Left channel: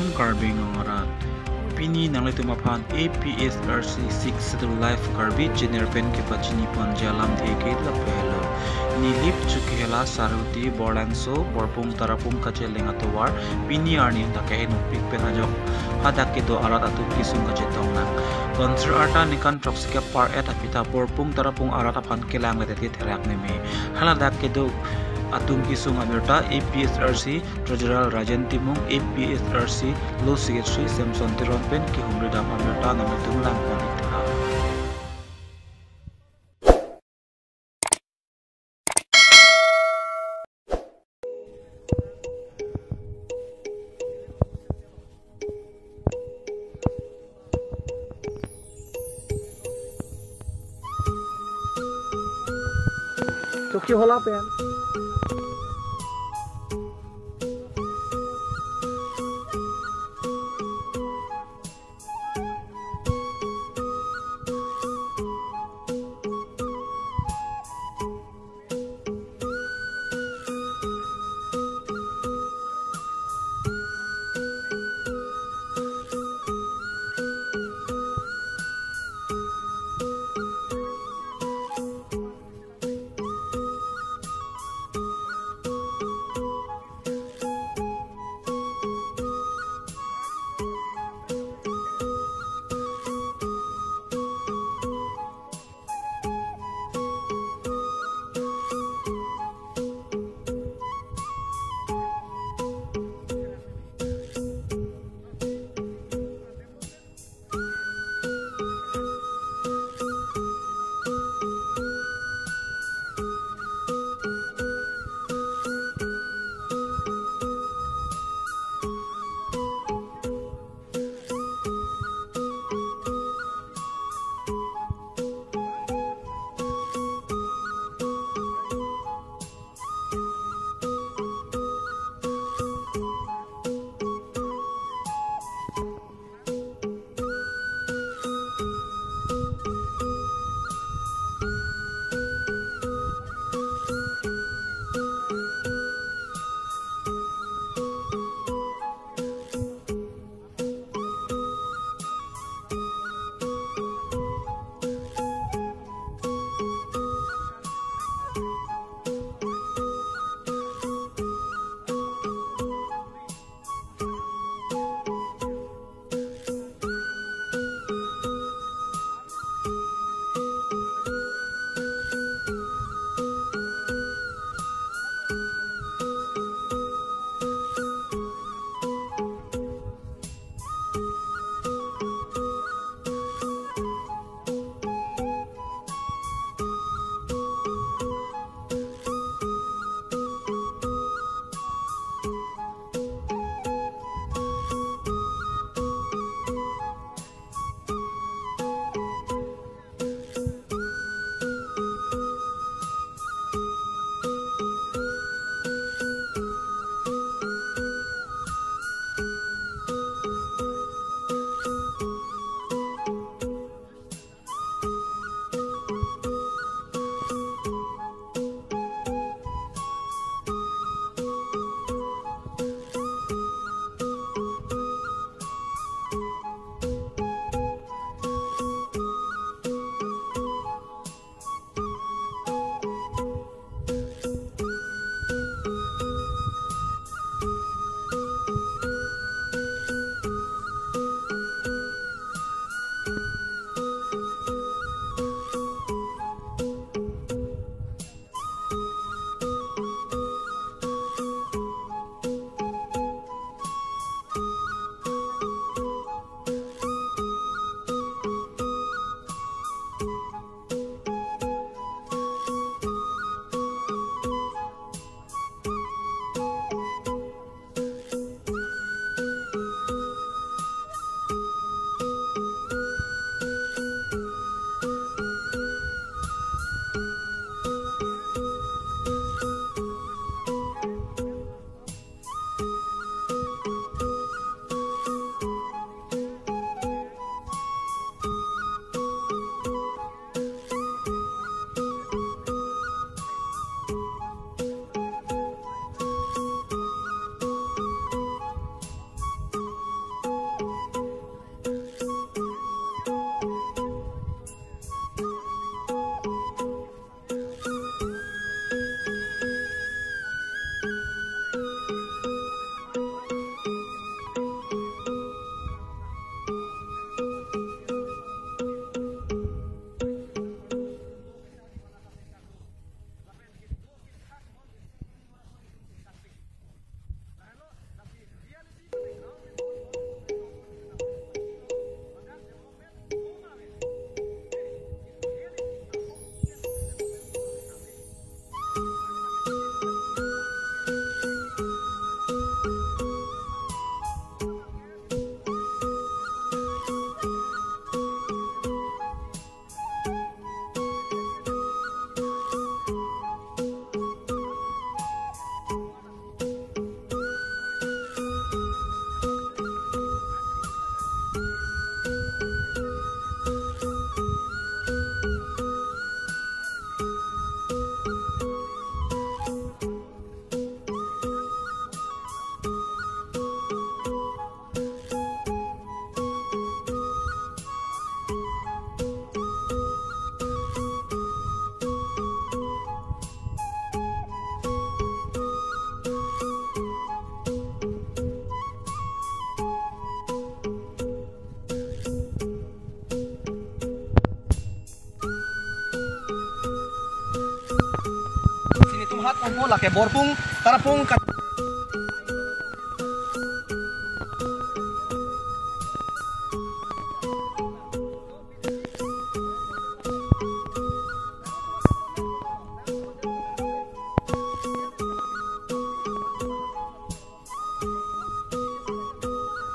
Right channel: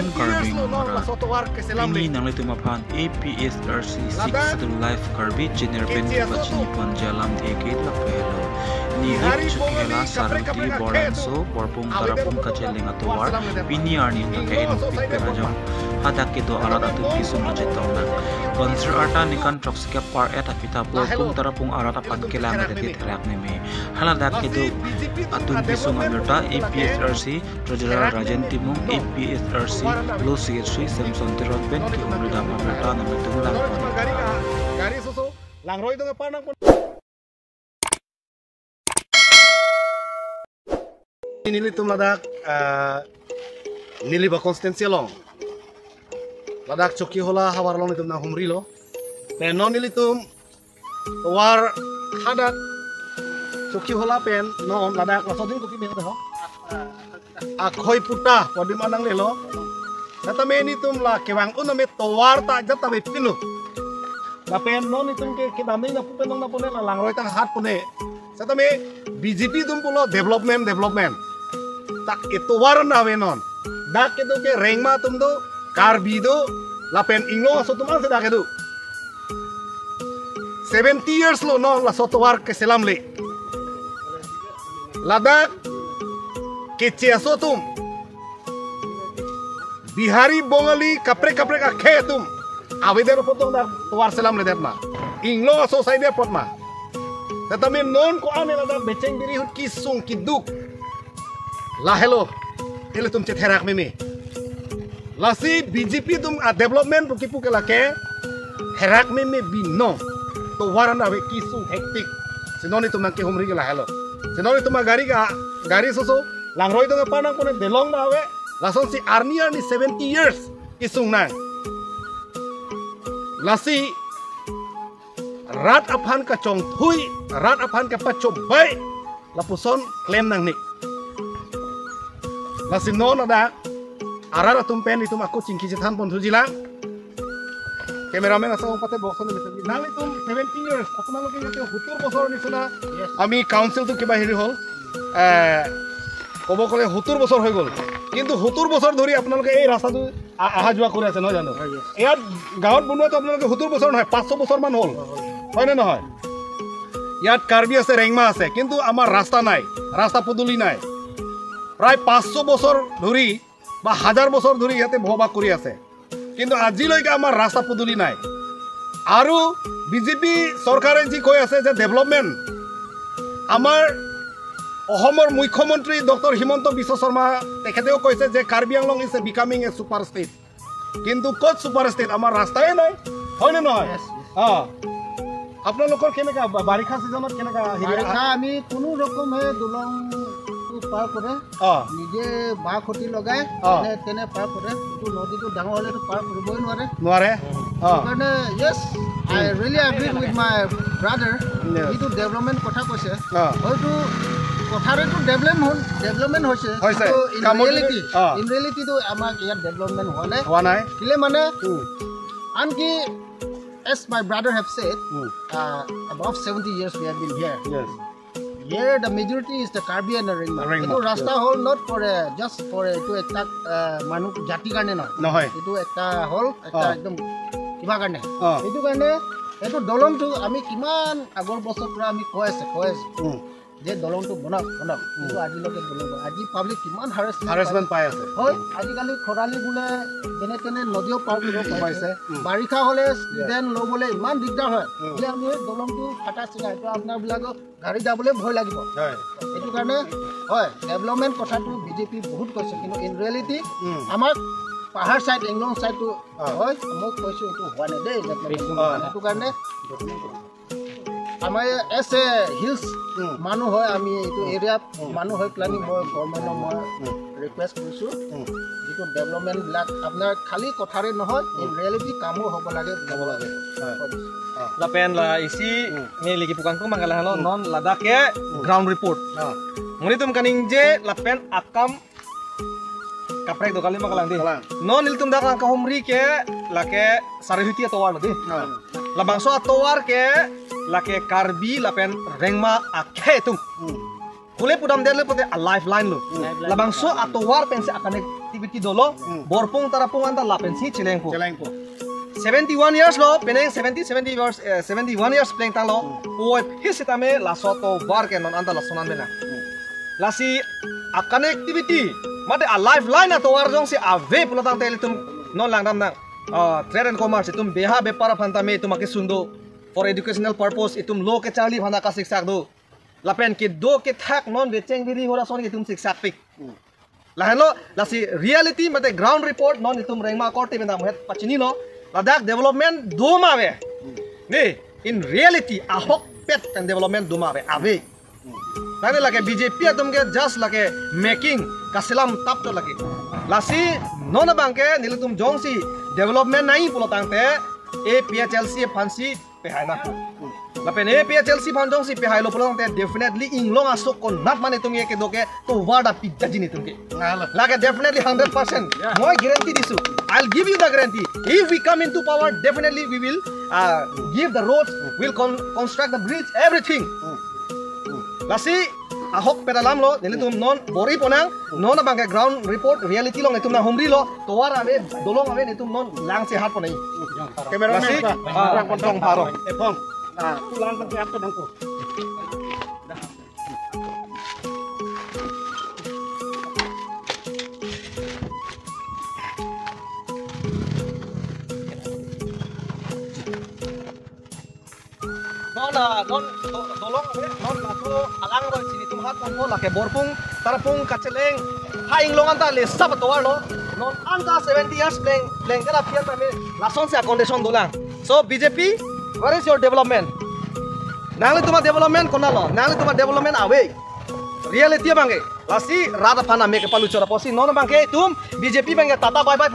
Akam Karbi Ngara Pini Nangletu Mapan APSRC 6 Satu Life Karbi Jener Pen Kipachini Pon Jalam Theke Lapelo Nilip Chukela Saruti Boranso Borpung Tarapum Kacheling Atowar Pini Arni Takain Pik Penajong Hadakido Arat Atu Kisung Kajetong Nang Konser Arta Nikan Troksika Par Eta Pita Borpung Tarapung Arat Apan Kelang Adeti Terak Neme Haladakido Atun Pisung Amirta APSRC Treasurer Rajan Timung APSRC Law Secretary Samson Tiron Ben Ki Humridam Amirta Namitung Lang Ponita Langroy dong apa nang Nili tum ladak nili ba konstensia long ladak choki hola hawar long itum na humri lo pe non nili tum war hadak choki hola pen non ladak asodin choki be ho akhoi puta podi manang le lo kata me ni tum la kewang un me towar ta jata be pinu la pen non itum ke kidami na pupen na pone na langroy ta hat pone kata me BJP tum pulo development tak itu warna venon dak itu ke rengma tum do karbi do lapen ingo so tum se dak itu 70 years lo no la soto war ke selam le ladak ke ciaso tum bihari bongali kapre akhe tum aveder potong dak war selam le detna ingo so sai de potma tetapi non ko ane ladak beceng diri hut kisung kiduk La hello, ini tum cetherak mimi. Lasi BJP tum a development puki lake herak mimi bino. To warana we kisu hektik. Sinoni tum nangke humri la hello. Sinoni tum gari soso langroy tum apa nang pune belong na we. Lason si Arnia ni 70 years kisung nang. Lasi rat aphan ka chong thui, rat aphan ka pachobai. Lapuson klaim nang nik. Masih non ada arah tumpen itu aku cingki cetan pun sujilang kameramen asal pate box ni nang itu 70 years aku nang lagi itu hutur bosor ni suna ami council tu kiba hiri hol kobo kole hutur bosor হই গল কিন্তু hutur বছর ধৰি আপোনালোকে এই ৰাস্তাটো আহা যোৱা কৰি আছে নহয় জানো ইয়াত গাঁৱত বনোৱাটো আপোনালোকে hutur বছৰ নহয় 500 বছৰ মান হ'ল হয় নে নহয় ইয়াত কাৰ্বি আছে ৰেংমা আছে কিন্তু আমাৰ ৰাস্তা নাই ৰাস্তা পদূলি নাই প্ৰায় 500 বছৰ ধৰি বা 1000 বছৰ ধৰি ইয়াতে বহবাস কৰি আছে কিন্তু আজিলৈকে আমাৰ ৰাস্তা পদূলি নাই আৰু বিজেপি চৰকাৰে যি কৈ আছে যে ডেভেলপমেন্ট আমাৰ অসমৰ মুখ্যমন্ত্ৰী ডক্টৰ হিমন্ত বিশ্ব শৰ্মা তেখেতেও কৈছে যে Karbi Anglong is becoming A super state কিন্তু ক'ত সুপাৰ ষ্টেট আমাৰ ৰাস্তাই নাই হয় নে নহয় আপোনালোকৰ কেনেকা বাৰিষা সিজনত কেনেকা বাৰিষা আমি কোনো ৰকমে দলং পাৰ কৰে নিজে বাহ খুঁটি লগাই তেনে পাৰ কৰে নদীটো ডাঙৰ হ'লেতো পাৰ কৰিবই নোৱাৰে কাৰণে yes I really agree with my brother এইটো ডেভেলপমেন্ট কথা কৈছে হয়তো কথাৰেতো ডেভেলপমেন্ট হৈছে ইন ৰিয়েলিটিটো আমাক ইয়াত ডেভেলপমেন্ট হোৱা নাই কিলে মানে আনকি as my brother have said above 70 years we have been here Here the majority is the Karbi and the Rengma. Itu rasta hall not for just for itu ekta manuk jati karne na. Nohoy. Itu ekta hall ekta ekdom kiba karne. Itu karne itu dolong tu ami kiman agor bosor pura ami koes. Je dolong tu bonak. Itu aji loke dolong. Aji public kiman harassment pai ase. Hoy aji kali khorali bule tene nodio par koribo paise. Barikha hole then lo bole iman digdar hoy. Je ami dolong tu phata sila to apnar bilago গাড়ী যাবলৈ ভয় লাগিব এইটো কাৰণে হয় development কথাটো BJP বহুত কৈছে কিন্তু ইন ৰিয়েলিটি আমাৰ পাহাৰ সাইড এংলং সাইডটো হয় মই কৈছো এইটো হোৱা নাই দেই এইটো কাৰণে আমাৰ এছ এ হিলছ মানুহ হয় আমি এইটো এৰিয়াত মানুহ হয় প্লানিং মই গভৰ্ণমেণ্টক মই ৰিকুৱেষ্ট কৰিছো যিটো ডেভেলপমেন্ট বিলাক আপোনাৰ খালি কথাৰে নহয় ইন ৰিয়েলিটি কামো হ'ব লাগে Lapen la isi ni lagi tukang tu manggalah lo non ladak ya ground report. Muni tum kaning je lapen akam kaprek do kali manggalang di. Non il tum dak ka humri ke lake sarihiti atowar di. Labang so atowar ke lake karbi lapen rengma akhe tum. Kule pudam der le pode a lifeline lo. Labang so atowar pense akan activity ki dolo borpung tarapung anda lapensi chilengpo. 71 years lo peneng 71 years playing talo oi hisitame la soto barke non anda la sonan mena. Lasi a connectivity mate a lifeline to warjong si ave pulotang telitum non lang na trade and commerce itum beha bepara phantame itum sundo for educational purpose itum lo ke chali phana ka siksak do lapen ki do ke thak non becheng biri hora son itum siksak pik lahelo lasi reality mate ground report non itum rengma korte benda mohet pachini no Ladakh development do mave ne in reality a hok pet and development do mave ave tane lage BJP atum ke just lage making kasilam tap to lage lasi nona bangke nilutum jongsi development nai pulotang te APHLC fancy pehaina lapen APHLC fanjong si pehailo pulotang te definitely inglong asuk kon nat mane tum ye ke doke to wada pizza jini tum ke lage definitely 100% moi guarantee disu I'll give you the guarantee if we come into power definitely we will give the roads will construct the bridge everything lasi ahok pedalam lo nilitum non bori ponang non bangke ground report reality lo nitum na humri lo toar ave dolong ave nitum non lang se hat ponai cameraman pa kontong paro epong tulang ke apa dangko non tolong non laku alang lo sini tum hat pon lake borpung tarapung kaceleng haing longan ta le sab toar lo non anta 70 years playing kala pia ta me lason se condition dolang so BJP where is your development nangli tuma development kona lo nangli tuma development awe reality bange lasi rada phana me ke palu chora posi non bange tum BJP bange tata bye bye